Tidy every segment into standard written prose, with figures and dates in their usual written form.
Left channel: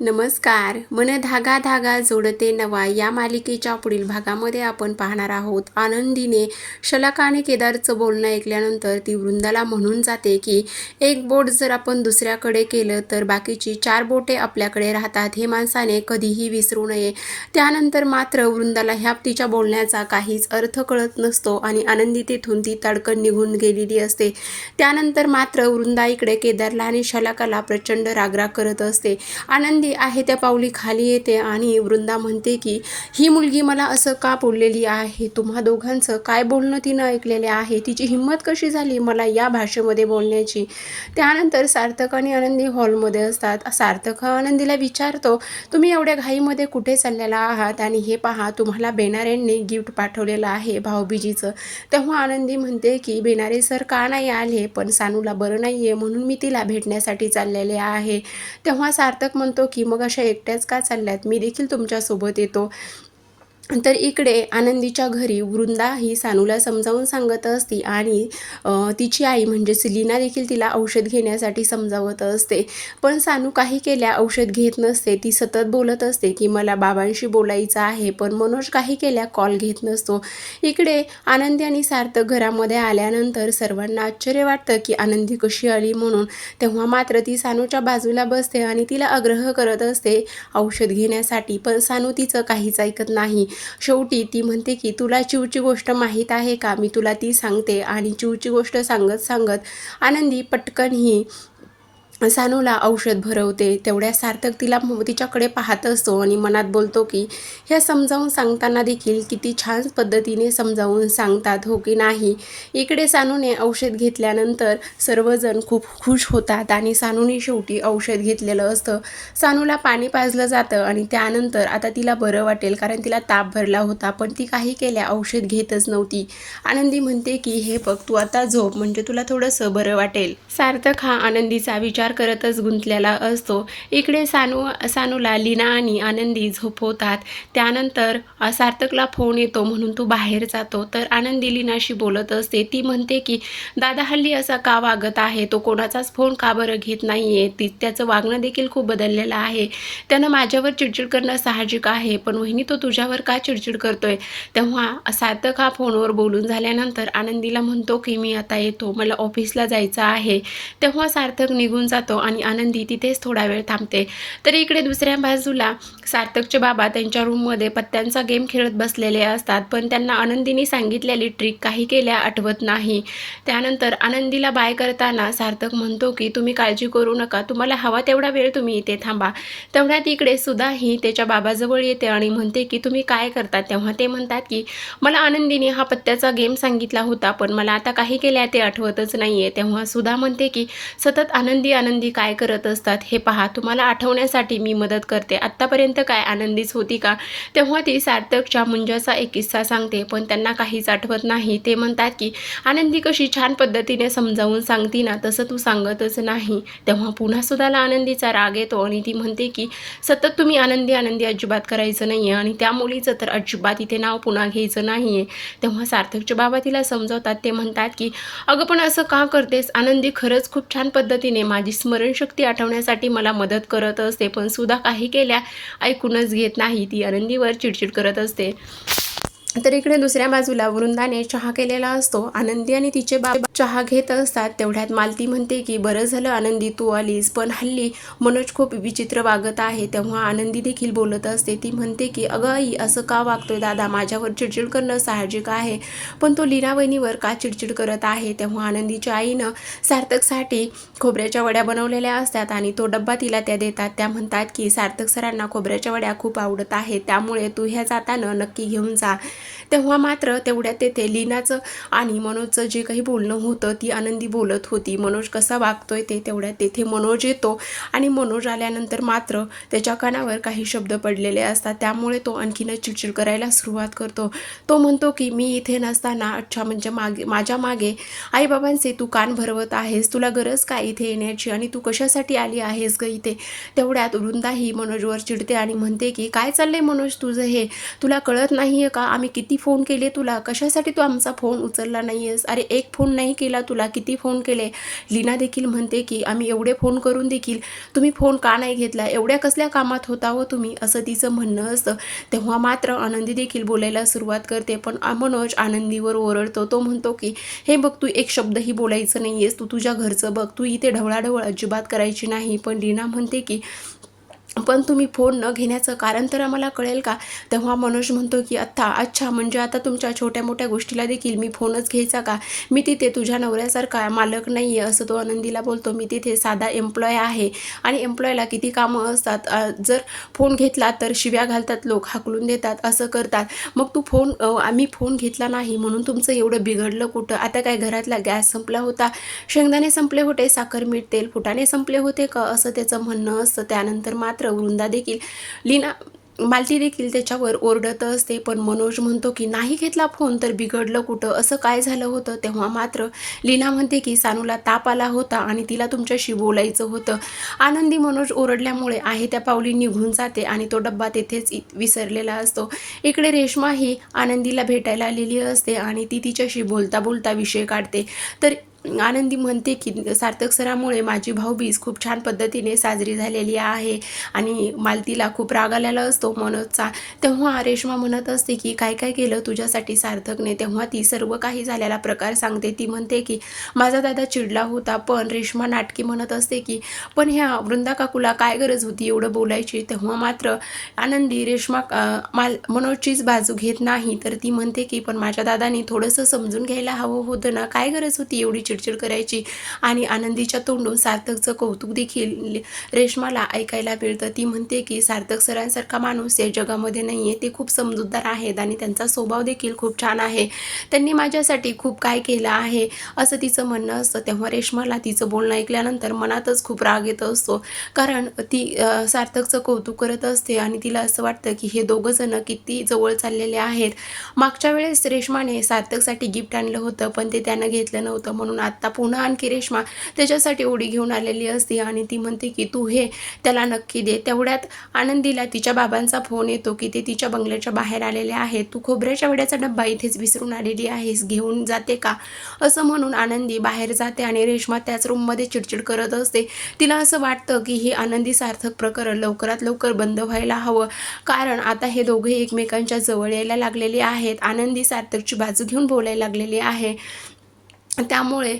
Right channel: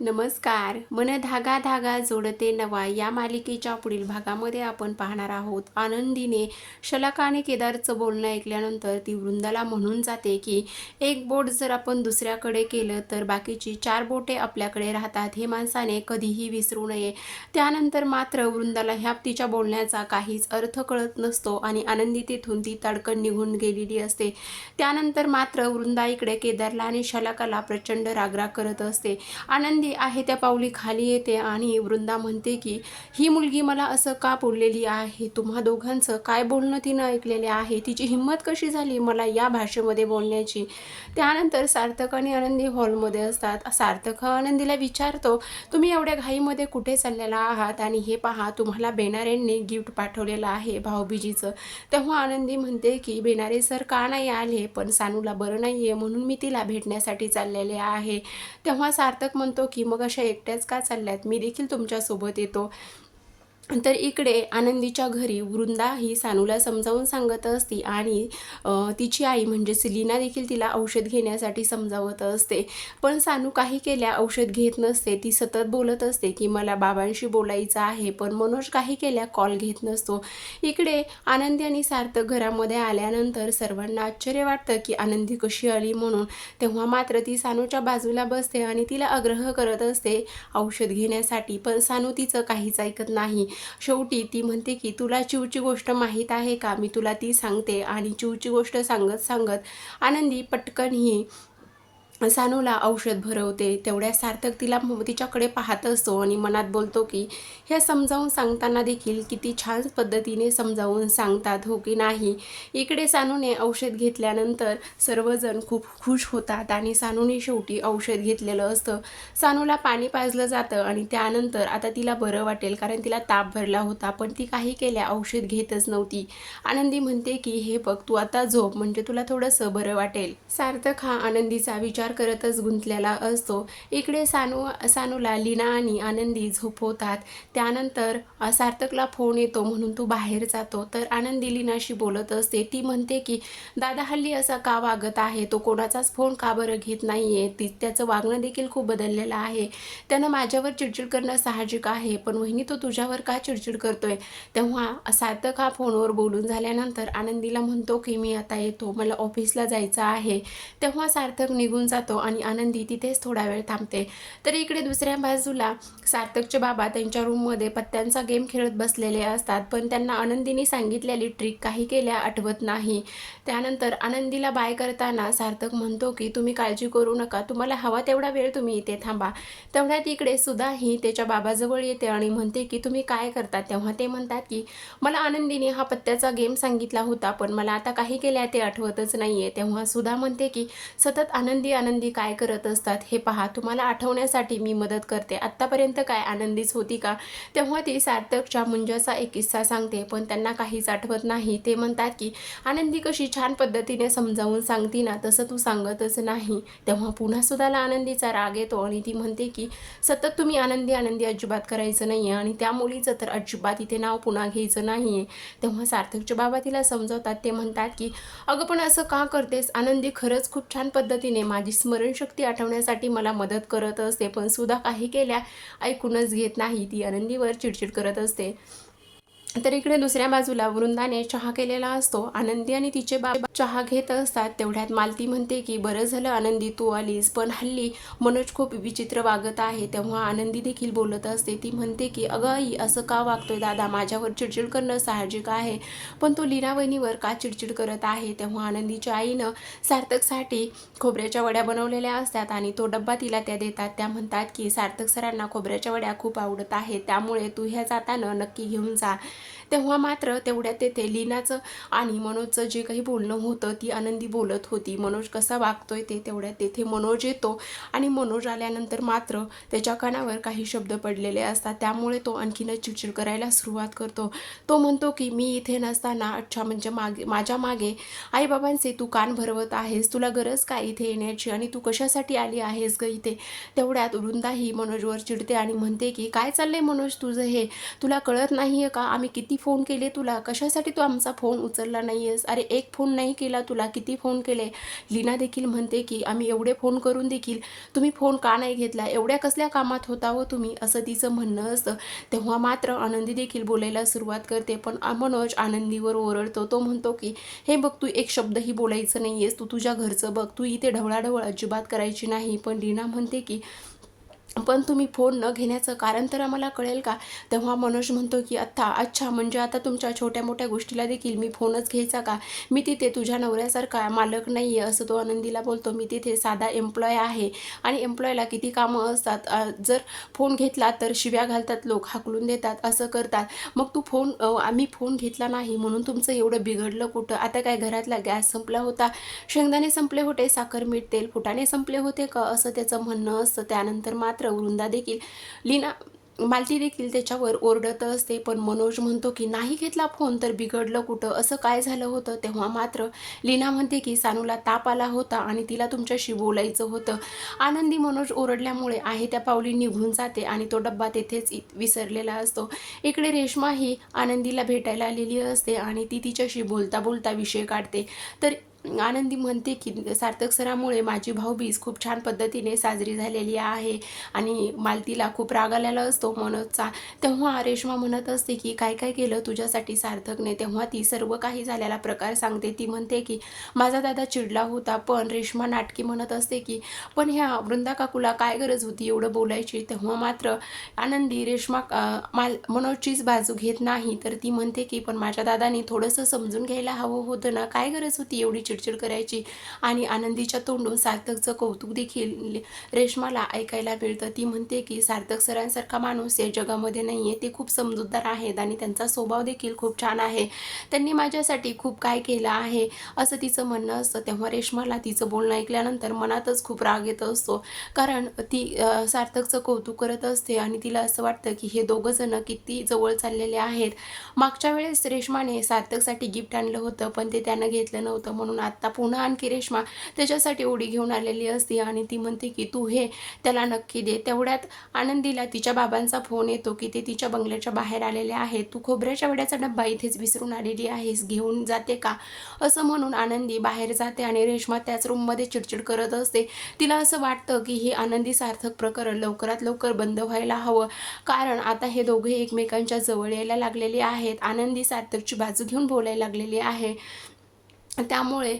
नमस्कार. मन धागा धागा जोडते नवा या मालिकेच्या पुढील भागामध्ये आपण पाहणार आहोत. आनंदीने शलाकाने केदारचं बोलणं ऐकल्यानंतर ती वृंदाला म्हणून जाते की एक बोट जर आपण दुसऱ्याकडे केलं तर बाकीची 4 बोटे आपल्याकडे राहतात, हे माणसाने कधीही विसरू नये. त्यानंतर मात्र वृंदाला ह्या तिच्या बोलण्याचा काहीच अर्थ कळत नसतो आणि आनंदी तिथून ती तडकन निघून गेलेली असते. त्यानंतर मात्र वृंदा इकडे केदारला आणि शलाकाला प्रचंड रागराग करत असते. आनंदी आहे त्या पावली खाली येते आणि वृंदा म्हणते की ही मुलगी मला असं का बोललेली आहे, तुम्हा दोघांचं काय बोलणं तिनं ऐकलेले आहे, तिची हिंमत कशी झाली मला या भाषेमध्ये बोलण्याची. त्यानंतर सार्थक आणि आनंदी हॉलमध्ये असतात. सार्थक हा आनंदीला विचारतो, तुम्ही एवढ्या घाईमध्ये कुठे चाललेला आहात आणि हे पहा तुम्हाला बेनारेंनी गिफ्ट पाठवलेलं आहे भाऊबीजीचं. तेव्हा आनंदी म्हणते की बेनारे सर का नाही आले, पण सानूला बरं नाही आहे म्हणून मी तिला भेटण्यासाठी चाललेले आहे. तेव्हा सार्थक म्हणतो की मग अशा एकट्याच का चालल्यात, मी देखील तुमच्यासोबत येतो. तर इकडे आनंदीच्या घरी वृंदा ही सानूला समजावून सांगत असते आणि तिची आई म्हणजे लीना देखील तिला औषध घेण्यासाठी समजावत असते. पण सानू काही केल्या औषध घेत नसते. ती सतत बोलत असते की मला बाबांशी बोलायचं आहे, पण मनोज काही केल्या कॉल घेत नसतो. इकडे आनंदी आणि सार्थक घरामध्ये आल्यानंतर सर्वांना आश्चर्य वाटतं की आनंदी कशी आली म्हणून. तेव्हा मात्र ती सानूच्या बाजूला बसते आणि तिला आग्रह करत असते औषध घेण्यासाठी, पण सानू तिचं काहीच ऐकत नाही. शेवटी ती म्हणते की तुला चिवची गोष्ट माहीत आहे का, मी तुला ती सांगते. आणि चिवची गोष्ट सांगत सांगत आनंदी पटकन ही सानूला औषध भरवते. तेवढ्या सार्थक तिच्याकडे पाहत असतो आणि मनात बोलतो की हे समजावून सांगताना देखील किती छान पद्धतीने समजावून सांगतात, हो की नाही. इकडे सानूने औषध घेतल्यानंतर सर्वजण खूप खुश होतात आणि सानूने शेवटी औषध घेतलेलं असतं. सानूला पाणी पाजलं जातं आणि त्यानंतर आता तिला बरं वाटेल, कारण तिला ताप भरला होता, पण ती काही केल्या औषध घेतच नव्हती. आनंदी म्हणते की हे बघ तू आता झोप, म्हणजे तुला थोडंसं बरं वाटेल. सार्थक हा आनंदीचा विचार करतच गुंतलेला असतो. इकडे सानूला लीना आणि आनंदी झोपवतात. त्यानंतर सार्थकला फोन येतो म्हणून तो बाहेर जातो. तर आनंदी लीनाशी बोलत असते. ती म्हणते की दादा हल्ली असा का वागत आहे, तो कोणाचाच फोन का बरं घेत नाहीये, त्याचं वागणं देखील खूप बदललेलं आहे. त्यानं माझ्यावर चिडचिड करणं साहजिक आहे, पण वहिनी तो तुझ्यावर का चिडचिड करतोय. तेव्हा सार्थक हा फोनवर बोलून झाल्यानंतर आनंदीला म्हणतो की मी आता येतो, मला ऑफिसला जायचं आहे. तेव्हा सार्थक निघून जातो आणि आनंदी तिथेच थोडा वेळ थांबते. तर इकडे दुसऱ्या बाजूला सार्थकचे बाबा त्यांच्या रूममध्ये पत्त्यांचा गेम खेळत बसलेले असतात, पण त्यांना आनंदीने सांगितलेली ट्रिक काही केल्या आठवत नाही. त्यानंतर आनंदीला बाय करताना सार्थक म्हणतो की तुम्ही काळजी करू नका, तुम्हाला हवा तेवढा वेळ तुम्ही इथे थांबा. तेवढ्यात इकडे सुद्धा ही त्याच्या बाबाजवळ येते आणि म्हणते की तुम्ही काय करता. तेव्हा ते म्हणतात की मला आनंदीने हा पत्त्याचा गेम सांगितला होता, पण मला आता काही केल्या ते आठवतच नाहीये. तेव्हा सुधा म्हणते की सतत आनंदी आनंदी काय करत असतात, हे पहा तुम्हाला आठवण्यासाठी मी मदत करते, आत्तापर्यंत काय आनंदीच होती का. तेव्हा ती सार्थकच्या मुंजाचा एक किस्सा सांगते, पण त्यांना काहीच आठवत नाही. ते म्हणतात की आनंदी कशी छान पद्धतीने समजावून सांगती ना, तसं तू सांगतच नाही. तेव्हा पुन्हा सुद्धाला आनंदीचा राग येतो आणि ती म्हणते की सतत तुम्ही आनंदी आनंदी अजिबात करायचं नाही आणि त्या मुलीचं तर अजिबात इथे नाव पुन्हा घ्यायचं नाही आहे. तेव्हा सार्थकचे बाबा तिला समजावतात. ते म्हणतात की अगं पण असं का करतेस, आनंदी खरंच खूप छान पद्धतीने माझी स्मरणशक्ती आठवण्यासाठी मला मदत करत असते, पण सुद्धा काही केल्या ऐकूनच घेत नाही. ती आनंदीवर चिडचिड करत असते. तर इकडे दुसऱ्या बाजूला वृंदाने चहा केलेला असतो. आनंदी आणि तिचे बाबा चहा घेत असतात. तेवढ्यात मालती म्हणते की बरं झालं आनंदी तू आलीस, पण हल्ली मनोज खूप विचित्र वागत आहे. तेव्हा आनंदी देखील बोलत असते. ती म्हणते की अगं आई असं का वागतोय दादा, माझ्यावर चिडचिड करणं साहजिक आहे, पण तो लीना वहिनीवर का चिडचिड करत आहे. तेव्हा आनंदीच्या आईनं सार्थकसाठी खोबऱ्याच्या वड्या बनवलेल्या असतात आणि तो डब्बा तिला त्या देतात. त्या म्हणतात की सार्थक सरांना खोबऱ्याच्या वड्या खूप आवडत आहेत, त्यामुळे तू ह्या जाताना नक्की घेऊन जा. तेव्हा मात्र तेवढ्यात तेथे लीनाचं आणि मनोजचं जे काही बोलणं होतं ती आनंदी बोलत होती. मनोज कसा वागतोय ते. तेवढ्यात तेथे मनोज येतो आणि मनोज आल्यानंतर मात्र त्याच्या कानावर काही शब्द पडलेले असतात, त्यामुळे तो आणखीनच चिडचिड करायला सुरुवात करतो. तो म्हणतो की मी इथे नसताना अच्छा म्हणजे माझ्या मागे आईबाबांचे तू कान भरवत आहेस, तुला गरज काय इथे येण्याची आणि तू कशासाठी आली आहेस ग इथे. तेवढ्यात वृंदाही मनोजवर चिडते आणि म्हणते की काय चाललंय मनोज तुझं हे, तुला कळत नाहीये का आम्ही किती फोन केले तुला, कशासाठी तू आमचा फोन उचलला नाही आहेस, अरे एक फोन नाही केला तुला, किती फोन केले. लीना देखील म्हणते की आम्ही एवढे फोन करून देखील तुम्ही फोन का नाही घेतला, एवढ्या कसल्या कामात होता हो तुम्ही, असं तिचं म्हणणं असतं. तेव्हा मात्र आनंदी देखील बोलायला सुरुवात करते, पण मनोज आनंदीवर ओरडतो. तो म्हणतो की हे बघ, तू एक शब्दही बोलायचं नाही आहेस, तू तुझ्या घरचं बघ, तू इथे ढवळाढवळ अजिबात करायची नाही. पण लीना म्हणते की पण तुम्ही फोन न घेण्याचं कारण तर आम्हाला कळेल का. तेव्हा मनोज म्हणतो की अच्छा, म्हणजे आता तुमच्या छोट्या मोठ्या गोष्टीला देखील मी फोनच घ्यायचा का, मी तिथे तुझ्या नवऱ्यासारखा मालक नाही आहे, असं तो आनंदीला बोलतो. मी तिथे साधा एम्प्लॉय आहे आणि एम्प्लॉयला किती कामं असतात, जर फोन घेतला तर शिव्या घालतात, लोक हाकलून देतात, असं करतात. मग तू फोन आम्ही फोन घेतला नाही म्हणून तुमचं एवढं बिघडलं कुठं. आता काय घरातला गॅस संपला होता, शेंगदाणे संपले होते, साखर मीठ तेल फुटाणे संपले होते का, असं त्याचं म्हणणं असतं. त्यानंतर मात्र वृंदा देखील मालती देखील त्याच्यावर ओरडत असते. पण मनोज म्हणतो की नाही घेतला फोन तर बिघडलं कुठं, असं काय झालं होतं. तेव्हा मात्र लीना म्हणते की सानूला ताप आला होता आणि तिला तुमच्याशी बोलायचं होतं. आनंदी मनोज ओरडल्यामुळे आहे त्या पावली निघून जाते आणि तो डब्बा तेथेच विसरलेला असतो. इकडे रेश्मा ही आनंदीला भेटायला आलेली असते आणि ती तिच्याशी बोलता बोलता विषय काढते. तर आनंदी म्हणते की सार्थक सरामुळे माझी भाऊबीज खूप छान पद्धतीने साजरी झालेली आहे आणि मालतीला खूप राग आलेला असतो मनोजचा. तेव्हा रेश्मा म्हणत असते की काय काय केलं तुझ्यासाठी सार्थकने. तेव्हा ती सर्व काही झालेला प्रकार सांगते. ती म्हणते की माझा दादा चिडला होता. पण रेश्मा नाटकी म्हणत असते की पण ह्या वृंदा काकूला काय गरज होती एवढं बोलायची. तेव्हा मात्र आनंदी रेश्मा मनोजचीच बाजू घेत नाही, तर ती म्हणते की पण माझ्या दादानी थोडंसं समजून घ्यायला हवं होतं ना, काय गरज होती एवढी चिडचिड करायची. आणि आनंदीच्या तोंडून सार्थकचं कौतुक देखील रेश्माला ऐकायला मिळतं. ती म्हणते की सार्थक सरांसारखा माणूस या जगामध्ये नाही आहे, ते खूप समजूतदार आहेत आणि त्यांचा स्वभाव देखील खूप छान आहे, त्यांनी माझ्यासाठी खूप काय केलं आहे, असं तिचं म्हणणं असतं. तेव्हा रेश्माला तिचं बोलणं ऐकल्यानंतर मनातच खूप राग येत असतो, कारण ती सार्थकचं कौतुक करत असते आणि तिला असं वाटतं की हे दोघं जण किती जवळ चाललेले आहेत. मागच्या वेळेस रेश्माने सार्थकसाठी गिफ्ट आणलं होतं, पण ते त्यानं घेतलं नव्हतं, म्हणून आत्ता पुन्हा आणखी रेश्मा त्याच्यासाठी ओढी घेऊन आलेली असते आणि ती म्हणते की तू हे त्याला नक्की दे. तेवढ्यात आनंदीला तिच्या बाबांचा फोन येतो की ते तिच्या बंगल्याच्या बाहेर आलेले आहेत. तू खोबऱ्याच्या वड्याचा डब्बा इथेच विसरून आलेली आहेस, घेऊन जाते का, असं म्हणून आनंदी बाहेर जाते आणि रेश्मा त्याच रूममध्ये चिडचिड करत असते. तिला असं वाटतं की ही आनंदी सार्थक प्रकरण लवकरात लवकर बंद व्हायला हवं, कारण आता हे दोघे एकमेकांच्या जवळ यायला लागलेले आहेत. आनंदी सार्थकची बाजू घेऊन बोलायला लागलेली आहे. त्यामुळे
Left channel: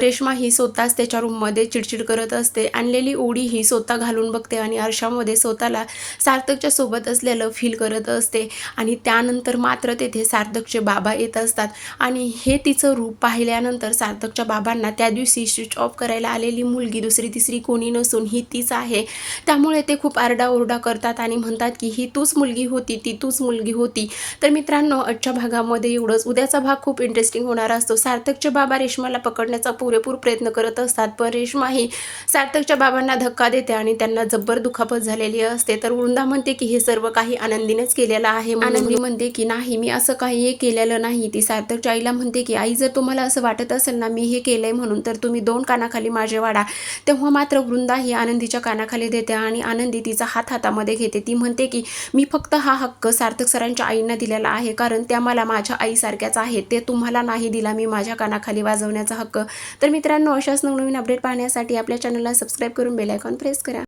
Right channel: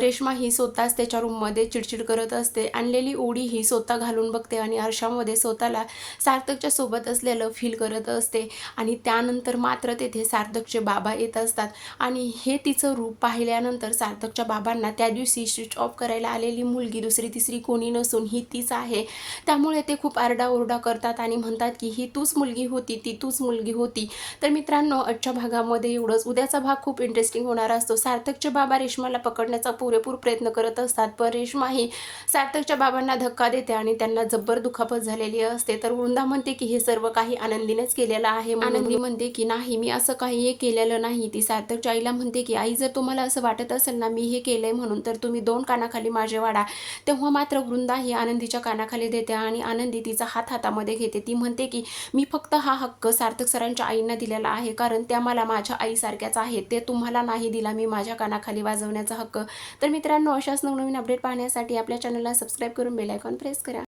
रेश्मा ही स्वतःच त्याच्या रूममध्ये चिडचिड करत असते. आणलेली ओढी ही स्वतः घालून बघते आणि आरशामध्ये स्वतःला सार्थकच्या सोबत असलेलं फील करत असते. आणि त्यानंतर मात्र तेथे सार्थकचे बाबा येत असतात आणि हे तिचं रूप पाहिल्यानंतर सार्थकच्या बाबांना त्या दिवशी स्विच ऑफ करायला आलेली मुलगी दुसरी तिसरी कोणी नसून ही तीच आहे. त्यामुळे ते खूप आरडाओरडा करतात आणि म्हणतात की ही तूच मुलगी होती, ती तूच मुलगी होती. तर मित्रांनो, आजच्या भागामध्ये एवढंच. उद्याचा भाग खूप इंटरेस्टिंग होणार असतो. सार्थकचे बाबा रेश्माला पकडण्याचा पुरेपूर प्रयत्न करत असतात, पण रेश्मा ही सार्थकच्या बाबांना धक्का देते आणि त्यांना जब्बर दुखापत झालेली असते. तर वृंदा म्हणते की हे सर्व काही आनंदीनेच केलेलं आहे. आनंदी म्हणते की नाही, मी असं काही केलेलं नाही. ती सार्थकच्या आईला म्हणते की आई, जर तुम्हाला असं वाटत असेल ना मी हे केलंय म्हणून, तर तुम्ही 2 कानाखाली माझे वाढा. तेव्हा मात्र वृंदा ही आनंदीच्या कानाखाली देते आणि आनंदी तिचा हात हातामध्ये घेते. ती म्हणते की मी फक्त हा हक्क सार्थक सरांच्या आईंना दिलेला आहे, कारण त्या मला माझ्या आईसारख्याच आहेत, ते तुम्हाला नाही दिला मी माझ्या कानाखाली वाजवण्याचा हक्क. तर मित्रांनो, अशाच नवनवीन अपडेट पाहण्यासाठी आपल्या चॅनलला सबस्क्राईब करून बेल आयकॉन प्रेस करा.